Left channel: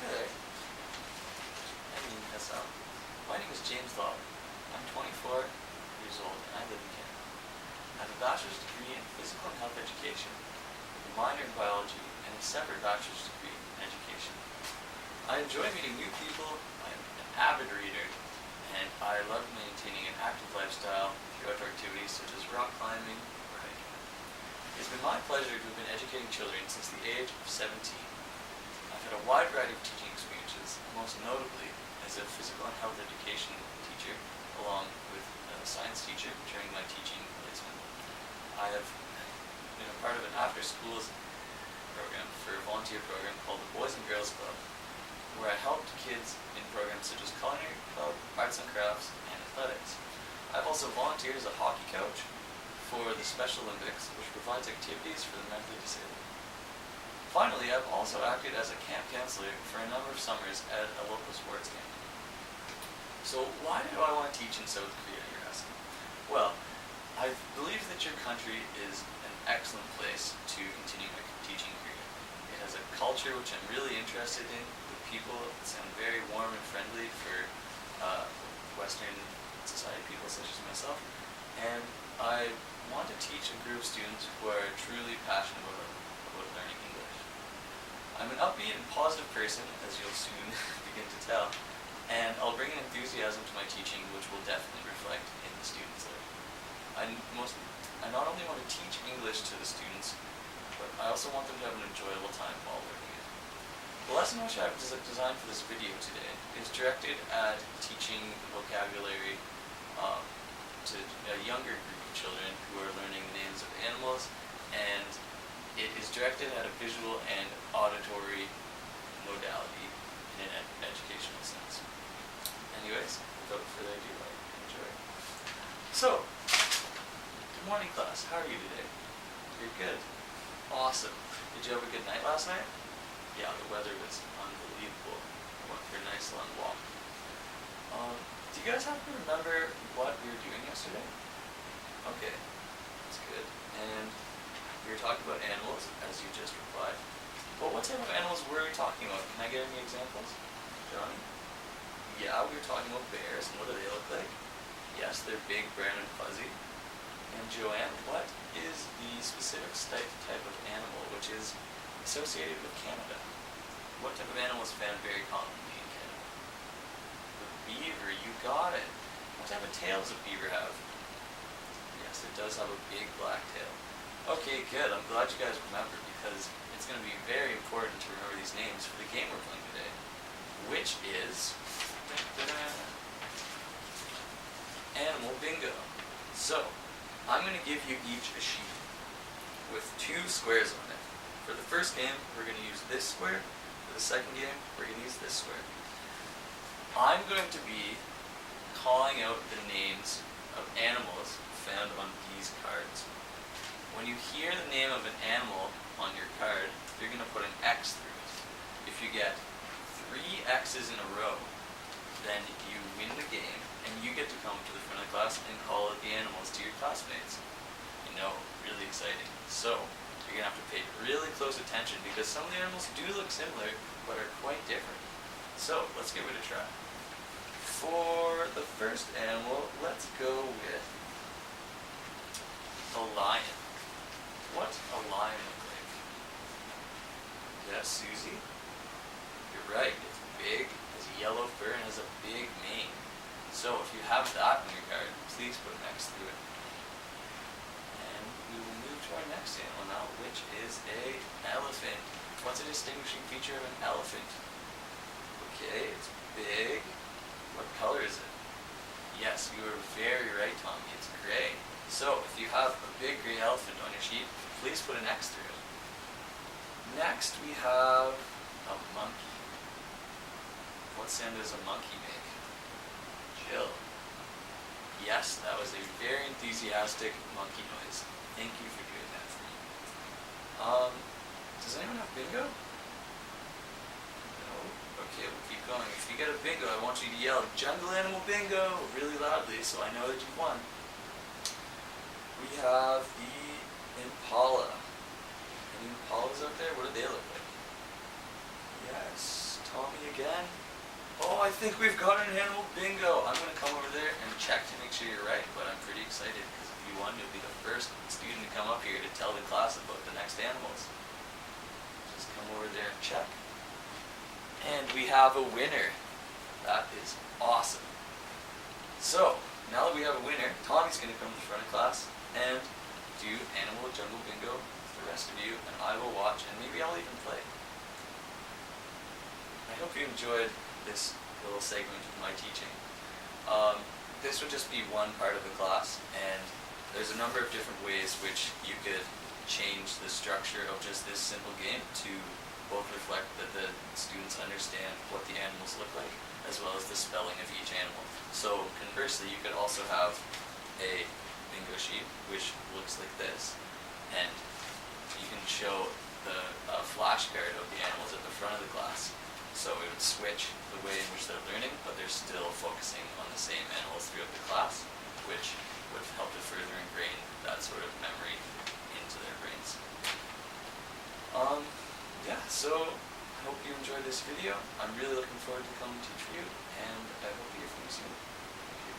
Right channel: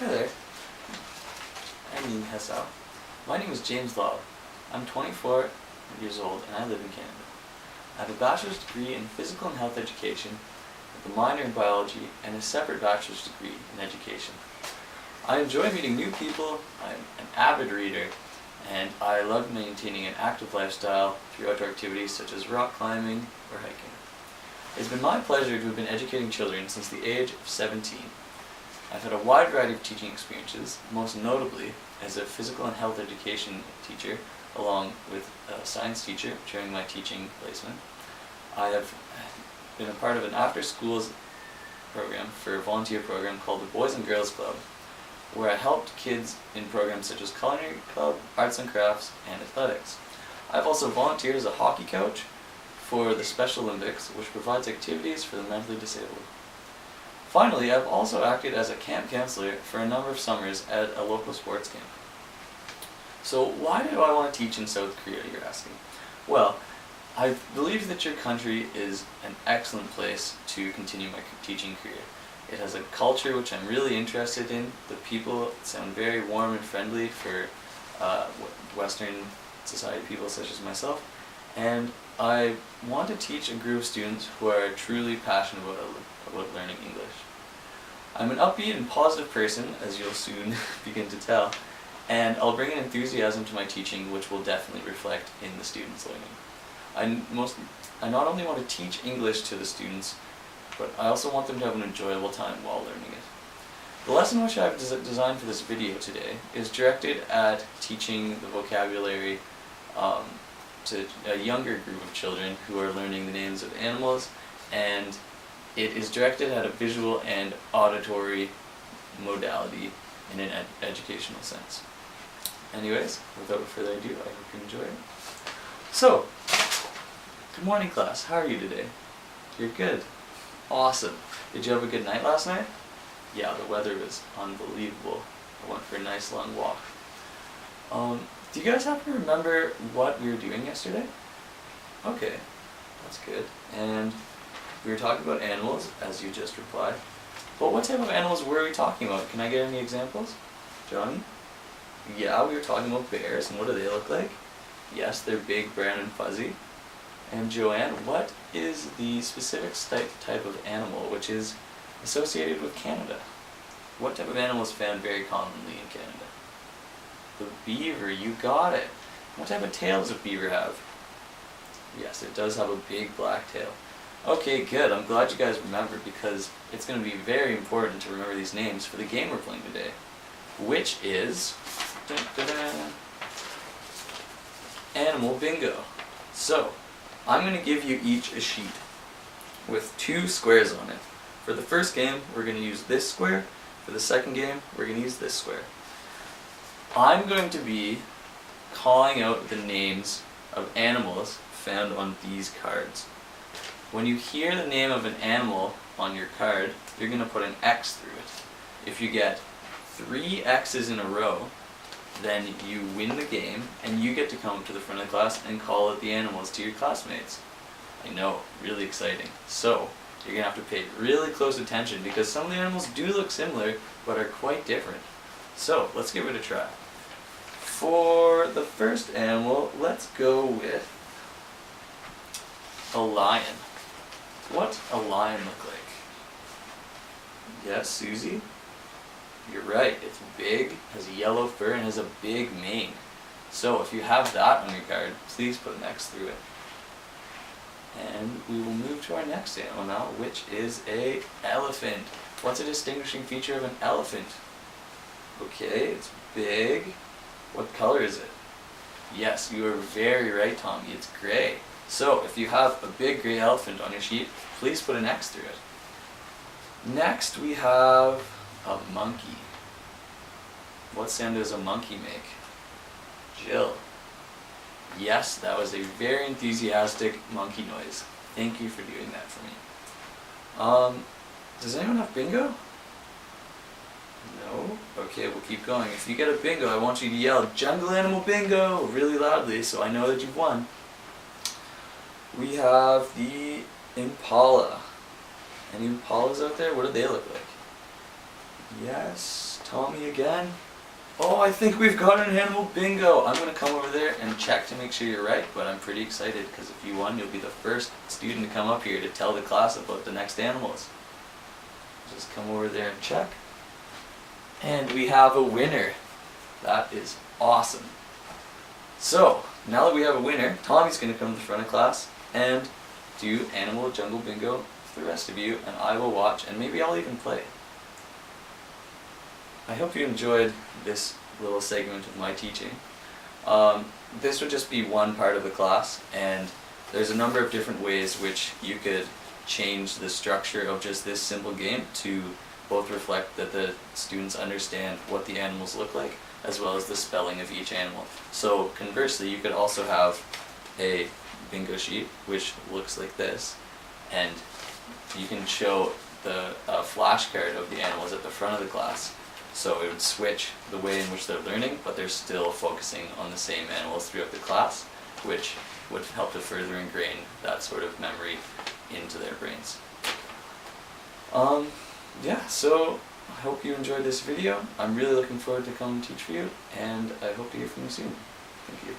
Hi there. I mean, hello. My name is James Lobb. I'm 24 years old and I live in Canada. I have a bachelor's degree in physical and health education with a minor in biology and a separate bachelor's degree in education. I enjoy meeting new people, I'm an avid reader, and I love maintaining an active lifestyle through outdoor activities such as rock climbing or hiking. It's been my pleasure to have been educating children since the age of 17. I've had a wide variety of teaching experiences, most notably as a physical and health education teacher, along with a science teacher during my teaching placement. I have been a part of an after-schools program for a volunteer program called the Boys and Girls Club, where I helped kids in programs such as culinary club, arts and crafts, and athletics. I've also volunteered as a hockey coach for the Special Olympics, which provides activities for the mentally disabled. Finally, I've also acted as a camp counselor for a number of summers at a local sports camp. So why do I want to teach in South Korea, you're asking? Well, I believe that your country is an excellent place to continue my teaching career. It has a culture which I'm really interested in. The people sound very warm and friendly for Western society people such as myself. And I want to teach a group of students who are truly passionate about learning English. I'm an upbeat and positive person, as you'll soon begin to tell, and I'll bring an enthusiasm to my teaching which will definitely reflect in the students' learning. I not only want to teach English to the students, but I also want them to have an enjoyable time while learning it. The lesson which I've designed for this video today is directed at teaching the vocabulary to a younger group of children who are learning the names of animals, and it is directed at a visual and auditory modality in an educational sense. Anyways, without further ado, I hope you enjoy it. So, good morning class, how are you today? You're good. Awesome. Did you have a good night last night? Yeah, the weather was unbelievable. I went for a nice long walk. Do you guys happen to remember what we were doing yesterday? Okay, that's good. And we were talking about animals, as you just replied. But what type of animals were we talking about? Can I get any examples? Johnny? Yeah, we were talking about bears, and what do they look like? Yes, they're big, brown, and fuzzy. And Joanne, what is the specific type of animal which is associated with Canada? What type of animal is found very commonly in Canada? The beaver, you got it. What type of tail does a beaver have? Yes, it does have a big black tail. Okay, good. I'm glad you guys remember because it's going to be very important to remember these names for the game we're playing today, which is Animal Bingo. So, I'm going to give you each a sheet with 2 squares on it. For the first game, we're going to use this square. For the second game, we're going to use this square. I'm going to be calling out the names of animals found on these cards. When you hear the name of an animal on your card, you're going to put an X through it. If you get 3 X's in a row, then you win the game, and you get to come up to the front of the class and call out the animals to your classmates. I know, really exciting. So, you're going to have to pay really close attention because some of the animals do look similar, but are quite different. So, let's give it a try. For the first animal, let's go with a lion. What's a lion look like? Yes, Susie? You're right, it's big, has yellow fur, and has a big mane. So if you have that on your card, please put an X through it. And we will move to our next animal now, which is an elephant. What's a distinguishing feature of an elephant? Okay, it's big. What color is it? Yes, you are very right, Tommy, it's gray. So if you have a big gray elephant on your sheet, please put an X through it. Next we have a monkey. What sound does a monkey make? Jill. Yes, that was a very enthusiastic monkey noise. Thank you for doing that for me. Does anyone have bingo? No? Okay, we'll keep going. If you get a bingo, I want you to yell, "Jungle Animal Bingo!" really loudly so I know that you've won. We have the impala. Any impalas out there? What do they look like? Yes, Tommy again. Oh, I think we've got an animal bingo. I'm going to come over there and check to make sure you're right, but I'm pretty excited because if you won, you'll be the first student to come up here to tell the class about the next animals. Just come over there and check. And we have a winner. That is awesome. So, now that we have a winner, Tommy's going to come to the front of class and do Animal Jungle Bingo for the rest of you, and I will watch, and maybe I'll even play. I hope you enjoyed this little segment of my teaching. This would just be one part of the class, and there's a number of different ways which you could change the structure of just this simple game to both reflect that the students understand what the animals look like, as well as the spelling of each animal. So conversely, you could also have a bingo sheet which looks like this, and you can show the flashcard of the animals at the front of the class. So it would switch the way in which they're learning, but they're still focusing on the same animals throughout the class, which would help to further ingrain that sort of memory into their brains. Yeah, so I hope you enjoyed this video. I'm really looking forward to come teach for you, and I hope to hear from you soon. Thank you.